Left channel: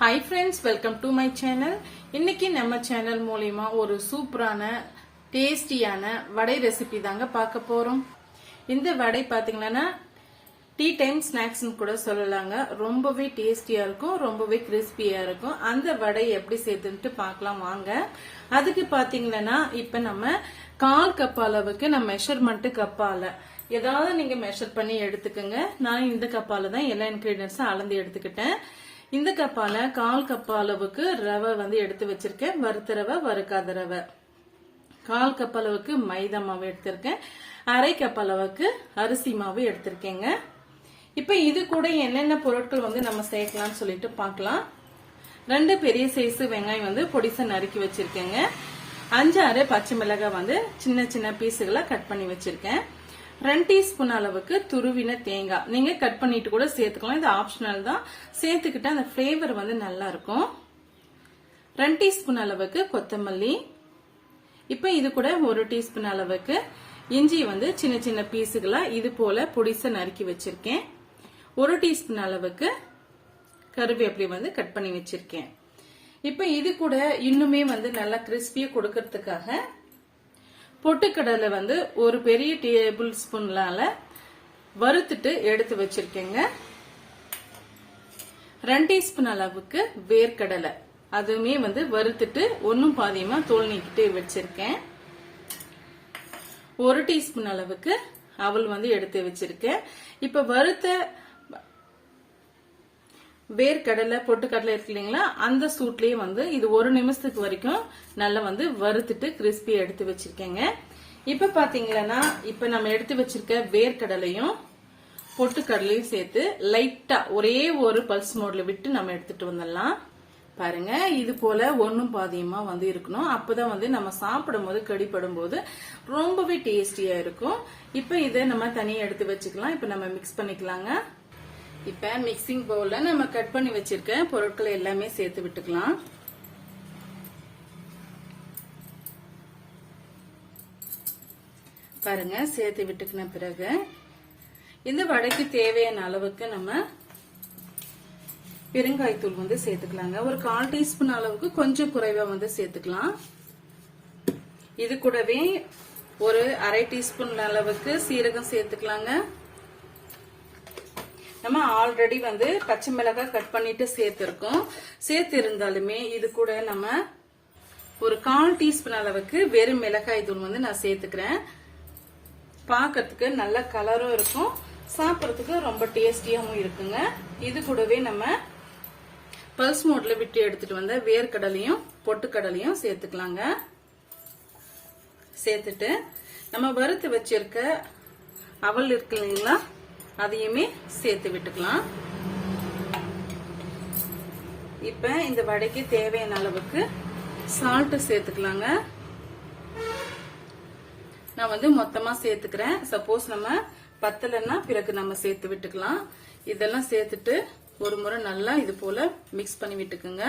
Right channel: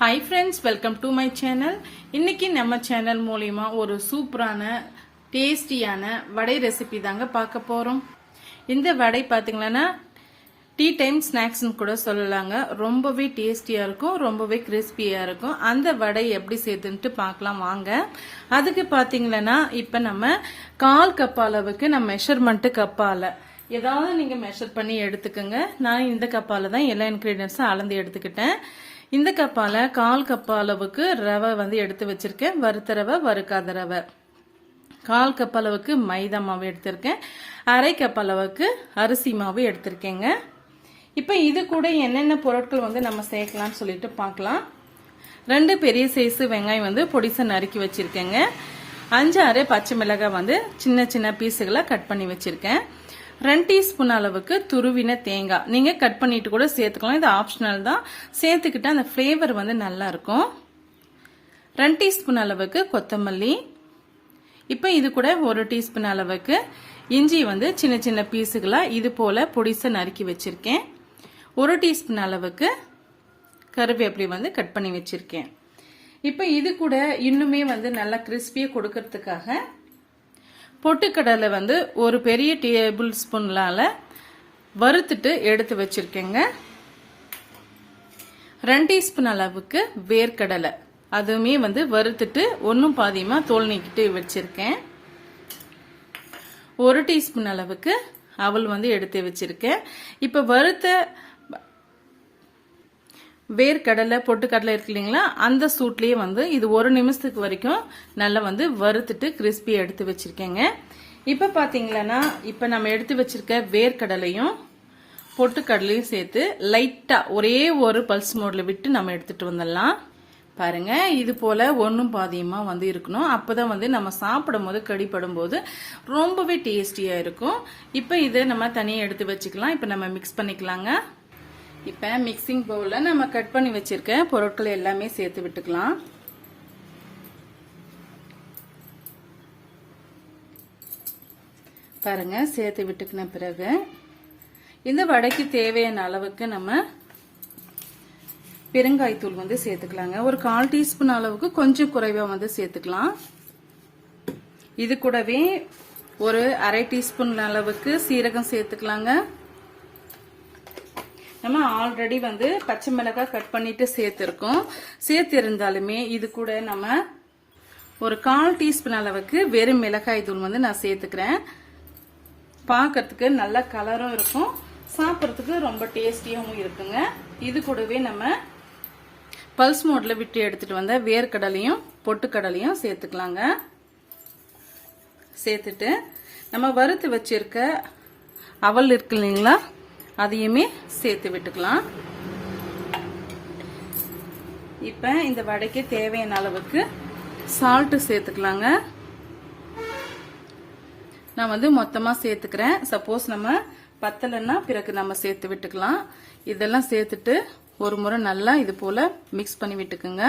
Hi friends welcome to my channel இன்னைக்கு நம்ம channel மூலயமா ஒரு சூப்பரான டேஸ்டியான வடை ரெசிபி தாங்க பார்க்க போகிறோம் இந்த வடை பார்த்தீங்கன்னா டீ டைம் ஸ்நாக்ஸ்னு கூட சொல்லலாங்க. ரொம்பவே டேஸ்டியாக இருக்கும் ரொம்பவே கிறிஸ்பியாக இருக்கும். அந்த வடை எப்படி செய்துன்ட்டு பார்க்கலாம் வாங்க. அதுக்கு பார்த்தீங்கன்னா இப்போ நம்ம கால் கப் அளவுக்கு நம்ம மெஷர்மெண்ட்டு கப்பால். ஏதாவது நீங்கள் மெஷர் பண்ணி எடுத்துக்கோங்க. நான் இந்த கப்பால் தான் எல்லா இன்க்ரீடியன்ஸும் அளந்து எடுத்துக்கிட்டேன். இந்த கப்பால கால் கப் அளவுக்கு ரவை வந்து எடுத்து வச்சிருக்கேன். வறுத்த ரவை வறுக்காத ரவை. கால் கப் அளவுக்கு மைதா மாவு எடுத்திருக்கேன். அரை கப் அளவுக்கு அரிசி மாவு எடுத்திருக்கேங்க. இப்போ இது கூட என்னென்ன பொருட்கள் வந்து நம்ம சேர்க்கலாம்னு சொல்லிட்டு பார்க்கலாம். ரெண்டு பெரிய சைஸ் வெங்காயம் வந்து பொடிசை நறுக்கி வச்சிருக்கேங்க. அஞ்சு அரை பச்சை மிளகாய் வந்து சின்ன சின்ன பீஸுகளை கட் பண்ணி வச்சிருக்கேன். ரெண்டு டீஸ்பூன் அளவுக்கு துருவின தேங்காய். நீங்க கட் பண்ணிட்டு கூட சேர்த்துக்கலாம். இது ஆப்ஷனல் தான். சேர்த்துக்கிட்டு அந்த ஃப்ளேவர் வந்து நல்லா இருக்கும். ரெண்டு டீஸ்பூன் அளவுக்கு கொத்தமல்லி. இப்போ இது கூட ஒரு டீஸ்பூன் அளவுக்கு இஞ்சி வந்து சின்ன சின்ன பீஸுகளா இது போல பொடிசை நறுக்கி வச்சிருக்கேன். ஒரு டீஸ்பூன் அளவுக்கு கருவேப்பிலை வந்து கட் பண்ணி வச்சிருக்கேன். இப்போ இது கூட இன்னுமே வந்து நல்லா கிறிஸ்பியா கொடுக்கறதுக்காக பொட்டுக்கடலை வந்து ஒரு பெரிய டேபிள் ஸ்பூன்லால வறுத்துட்டு எடுத்து வச்சிருக்கேங்க. ரெண்டு டீஸ்பூன் அளவுக்கு வேர்க்கடலை. அதுவுமே வந்து வறுத்துட்டு ஒன்றும் பாதியமா தோல் நீக்கிட்டு வச்சிருக்கேன். ஒரு டீஸ்பூன் அளவுக்கு அவல் வந்து எடுத்து வச்சிருக்கேன். இப்ப வறுத்த வேர்க்கடலை பொட்டுக்கடலை இருக்கு இல்லைங்களா? அந்த சூட்லேயே வந்து இது ஒரு நிமிஷத்துக்கு வரைக்கும் நல்லா வந்து வறுத்துட்டு கிறிஸ்பி எடுத்து வச்சிருக்கேங்க. இப்ப பாத்தீங்கன்னா இப்ப நம்ம எடுத்து வச்சிருக்க வேர்க்கடலையும் பொட்டுக்கடலையும் சேர்த்து லைட்டா ஒரே ஒரு பல்ஸ் மோட்ல விட்டு நம்ம எடுத்துட்டு வந்துடலாம். பாருங்க இது போல ஒன்னும் பாதியமா வந்து இருக்கணும். அப்பதான் வந்து நம்ம சாப்பிடும் போது கடிப்படும் போது ரொம்பவே டேஸ்டியா இருக்கும். இப்ப இதை நம்ம தனியா எடுத்து வச்சுக்கலாம். இப்ப நம்ம மிக்ஸ் பண்ணிக்கலாங்க. இப்ப மிக்சிங் பவுல்ல நம்ம கட் பண்ணி வச்சிருக்க பொருட்களை எல்லாமே சேர்த்து விட்டுக்கலாம். பாருங்க சேர்த்து விட்டுக்கின பிறகு இந்த வடைக்கு தேவையான அளவுக்கு நம்ம பெருங்காய்த்தூள் வந்து சேர்த்துக்கலாங்க. ஒரு கால் டீஸ்பூன் அளவுக்கு கொஞ்சம் குறைவா வந்து சேர்த்துக்கலாம். இது கூடவே ஒரு அரை டீஸ்பூன் அளவுக்கு சீரகம் சேர்த்துக்கலாங்க. நம்ம ஆல்ரெடி வந்து பச்சை மிளகாய் கட் பண்ணிட்டு சேர்த்திருக்கோம். சேர்த்து இருந்தாலுமே இது கூட நம்ம ஒரு கால் டீஸ்பூன் அளவுக்கு வெறும் மிளகாய் தூள் வந்து நான் சேர்த்துக்கிறேன். பார்க்கறதுக்கு நல்ல கலரும் இருக்கும். சாப்பிட்றதுக்கு ரொம்ப டேஸ்டியாகவும் இருக்குங்க. இது கூடவே நம்ம பல்ஸ் மோட்ல விட்டு எடுத்துட்டு வந்த வேர்க்கடலையும் பொட்டுக்கடலையும் சேர்த்துக்கலாங்க. சேர்த்துட்டு நம்ம வறுத்து வச்சிருக்க அவல் இருக்கு இல்லைங்களா? அதையுமே சேர்த்து விட்டுக்கலாம். இப்ப இந்த வடைக்கு தேவையான அளவுக்கு சால்ட் சேர்த்துக்கலாங்க. நான் வந்து மொத்தமா சேர்த்துக்கிறேன். சப்போஸ் நம்ம பத்தலைன்னா பிறகு நம்ம சேர்த்து விட்டுக்கலாம். இதெல்லாம் சேர்த்துட்டு ஒரு முறை நல்லா இது போல மிக்ஸ் பண்ணி விட்டுக்குங்க.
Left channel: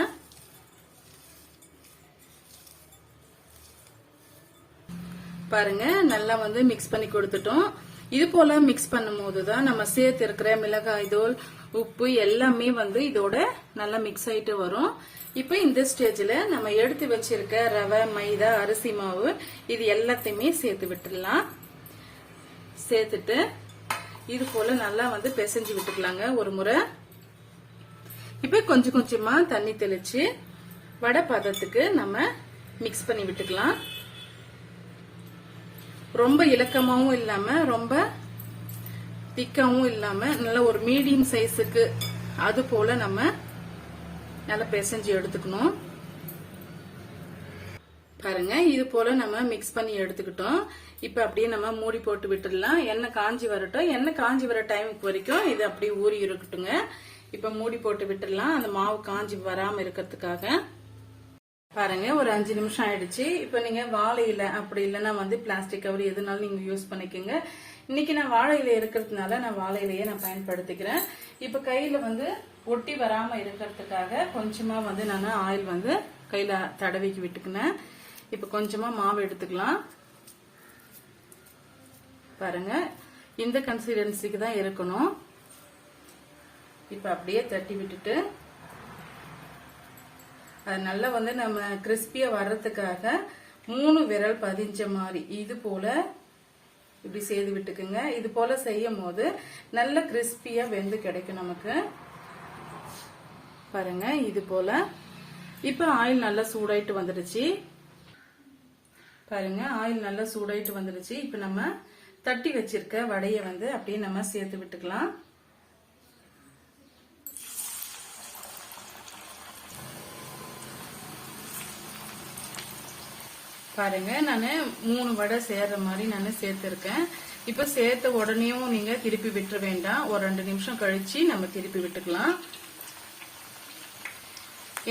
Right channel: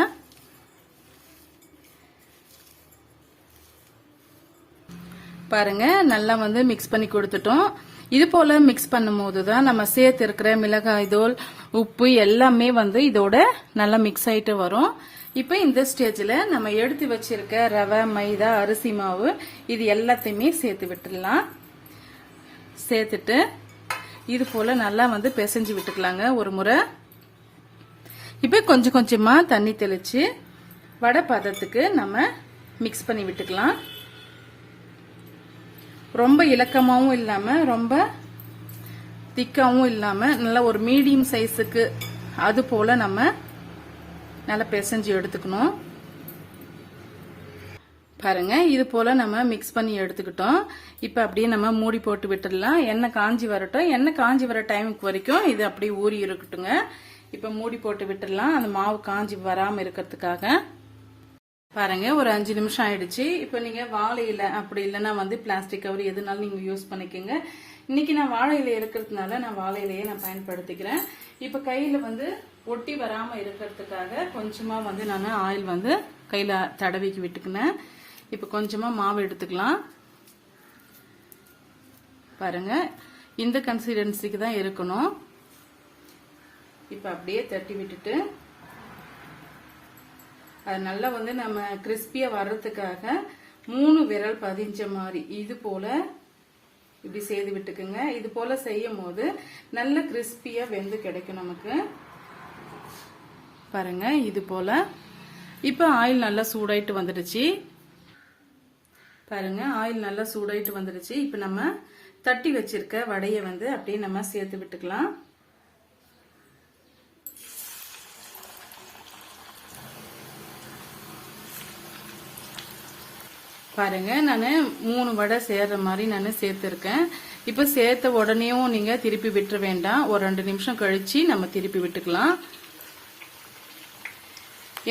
பாருங்க நல்லா வந்து மிக்ஸ் பண்ணி கொடுத்துட்டோம். இது போல மிக்ஸ் பண்ணும்போது தான் நம்ம சேர்த்து இருக்கிற மிளகாய் தூள் உப்பு எல்லாமே வந்து இதோட நல்லா மிக்ஸ் ஆயிட்டு வரும். இப்போ இந்த ஸ்டேஜ்ல நம்ம எடுத்து வச்சிருக்க ரவை மைதா அரிசி மாவு இது எல்லாத்தையுமே சேர்த்து விட்டுடலாம். சேர்த்துட்டு இது போல நல்லா வந்து பிசைஞ்சு விட்டுக்கலாங்க ஒரு முறை. இப்போ கொஞ்சம் கொஞ்சமா தண்ணி தெளிச்சு வடை பதத்துக்கு நம்ம மிக்ஸ் பண்ணி விட்டுக்கலாம். ரொம்ப இலக்கமாகவும் இல்லாம ரொம்ப திக்காவும் இல்லாம நல்ல ஒரு மீடியம் சைஸுக்கு அது போல நம்ம நல்லா பிசைஞ்சு எடுத்துக்கணும். பாருங்க இது போல நம்ம மிக்ஸ் பண்ணி எடுத்துக்கிட்டோம். இப்ப அப்படியே நம்ம மூடி போட்டு விட்டுடலாம். எண்ணெய் காஞ்சி வரட்டும். எண்ணெய் காஞ்சி வர டைமுக்கு வரைக்கும் இது அப்படியே ஊறி இருக்கட்டுங்க. இப்ப மூடி போட்டு விட்டுடலாம். அந்த மாவு காஞ்சி வராம இருக்கிறதுக்காக. பாருங்க ஒரு அஞ்சு நிமிஷம் ஆயிடுச்சு. இப்போ நீங்க வாழை இலை அப்படி இல்லைன்னா வந்து பிளாஸ்டிக் கவர் எதுனாலும் நீங்க யூஸ் பண்ணிக்கோங்க. இன்னைக்கு நான் வாழை இலை இருக்கிறதுனால நான் வாழை இலையை நான் பயன்படுத்திக்கிறேன். இப்போ கையில வந்து ஒட்டி வராம இருக்கிறதுக்காக கொஞ்சமா வந்து நான் ஆயில் வந்து கையில தடவிக்கு விட்டுக்கினேன். இப்போ கொஞ்சமா மாவு எடுத்துக்கலாம். பாருங்க இந்த கன்சிஸ்டன்சிக்கு தான் இருக்கணும். இப்போ அப்படியே தட்டி விட்டுட்டு அது நல்லா வந்து நம்ம கிறிஸ்பியா வர்றதுக்காக மூணு விரல் பதிஞ்ச மாதிரி. இது போல இப்படி செய்து விட்டுக்குங்க. இது போல செய்யும் போது நல்ல கிறிஸ்பியா வெந்து கிடைக்கும் நமக்கு. பாருங்க இது போல. இப்ப ஆயில் நல்லா சூடாயிட்டு வந்துடுச்சு. பாருங்க ஆயில் நல்லா சூடாயிட்டு வந்துடுச்சு. இப்ப நம்ம தட்டி வச்சிருக்க வடைய வந்து அப்படியே நம்ம சேர்த்து விட்டுக்கலாம். பாருங்க நான் மூணு வடை சேர்ற மாதிரி நான் சேர்த்துருக்கேன். இப்ப சேர்த்த உடனேயும் நீங்க திருப்பி விட்டுற வேண்டாம். ஒரு ரெண்டு நிமிஷம் கழிச்சு நம்ம திருப்பி விட்டுக்கலாம்.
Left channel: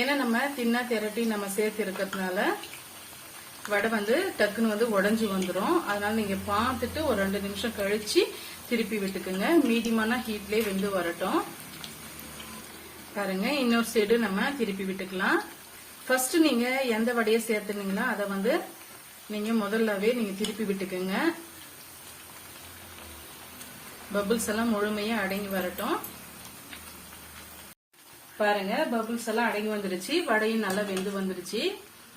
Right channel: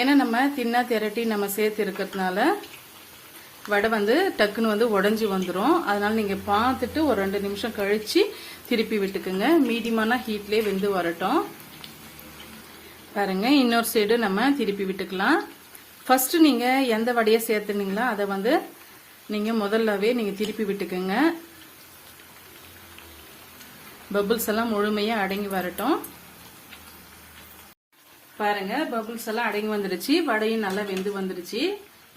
ஏன்னா நம்ம தின்னா திரட்டி நம்ம சேர்த்து இருக்கிறதுனால வடை வந்து டக்குன்னு வந்து உடஞ்சி வந்துடும் அதனால நீங்க பார்த்துட்டு ஒரு ரெண்டு நிமிஷம் கழிச்சு திருப்பி விட்டுக்குங்க. மீடியமான ஹீட்லேயே வெந்து வரட்டும். பாருங்க இன்னொரு சைடு நம்ம திருப்பி விட்டுக்கலாம். ஃபர்ஸ்ட் நீங்க எந்த வடையை சேர்த்துனீங்களோ அதை வந்து நீங்கள் முதல்லவே நீங்கள் திருப்பி விட்டுக்கோங்க. பபுள்ஸ் எல்லாம் முழுமையாக அடங்கி வரட்டும். பாருங்க பபுள்ஸ் எல்லாம் அடங்கி வந்துருச்சு. வடையும் நல்லா வெந்து வந்துருச்சு.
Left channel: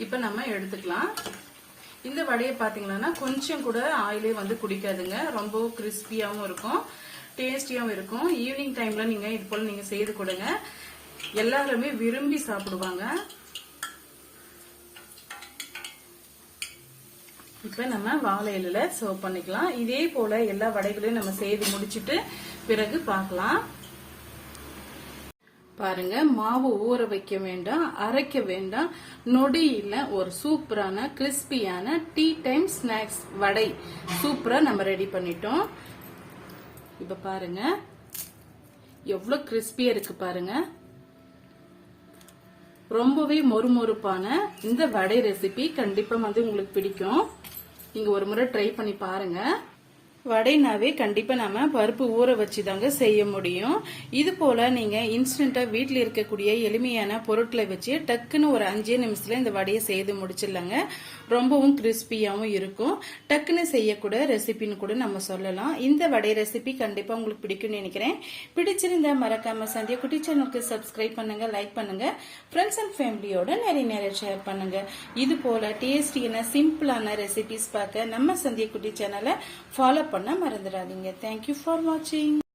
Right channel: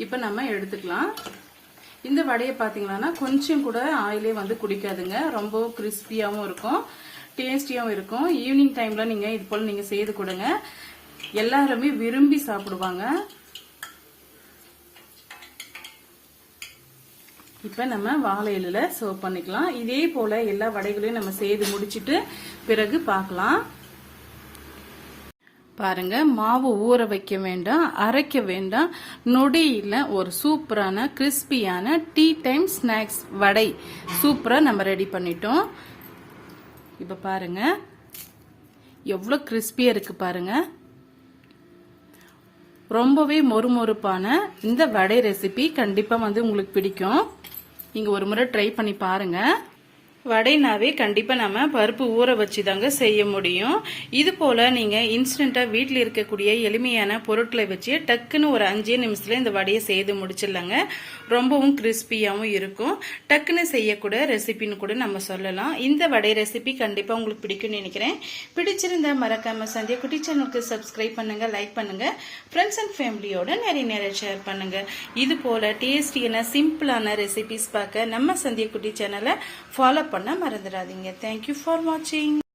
இப்போ நம்ம எடுத்துக்கலாம். இந்த வடையை பார்த்தீங்கன்னா கொஞ்சம் கூட ஆயிலே வந்து குடிக்காதுங்க. ரொம்ப கிறிஸ்பியாகவும் இருக்கும். டேஸ்டியாகவும் இருக்கும். ஈவினிங் டைமில் நீங்கள் இது போல் நீங்கள் செய்து கொடுங்க. எல்லாருமே விரும்பி சாப்பிடுவாங்க. இப்போ நம்ம வாழை இலையில சர்வ் பண்ணிக்கலாம். இதே போல எல்லா வடைகளையும் நம்ம செய்து முடிச்சிட்டு பிறகு பார்க்கலாம். பாருங்க மாவு ஊற வைக்க வேண்டாம் அரைக்க வேண்டாம். நொடியில ஒரு சூப்பரான கிறிஸ்பியான டீ டைம் ஸ்நாக்ஸ் வடை சூப்பரா நம்ம ரெடி பண்ணிட்டோம். இப்ப பாருங்க எவ்வளவு கிறிஸ்பியா இருக்கு பாருங்க. ரொம்பவே மொறுமொறுப்பான இந்த வடை ரெசிபி கண்டிப்பா வந்து உங்களுக்கு பிடிக்கும். நீங்கள் ஒரு முறை ட்ரை பண்ணி பாருங்கள் வடைனாவே கண்டிப்பா நம்ம பருப்பு ஊற வச்சு தாங்க செய்ய முடியும். இது போல நீங்க இன்ஸ்டன்டா வீட்டில் இருக்கக்கூடிய எளிமையான பொருட்களை வச்சு டக்குன்னு ஒரு அஞ்சே நிமிஷத்துல இந்த வடையை செய்து முடிச்சிடலாங்க. ரொம்பவும் கிறிஸ்பியாவும் இருக்கும். டக்குன்னு செய்யக்கூட ரெசிபின்னு கூட நம்ம சொல்லலாம். இந்த வடை ரெசிபி கண்டிப்பா உங்களுக்கு பிடிக்கும்னு நினைக்கிறேன். பிடிச்சிருந்தா மறக்காம சந்தியா குட்டி சேனலுக்கு சப்ஸ்கிரைப் பண்ணுங்க லைக் பண்ணுங்க. ஃப்ரெண்ட்ஸ் அண்ட் ஃபேமிலியோட நிறைய நிறைய ஷேர் பண்ணுங்க. இது போல டேஸ்டியான சிம்பிளான ரெசிபிஸ் பார்க்க நம்ம சந்தியா குட்டி சேனலை ஃபாலோ பண்ண மறந்துடாதீங்க. தேங்க்யூ ஃபார் வாட்சிங்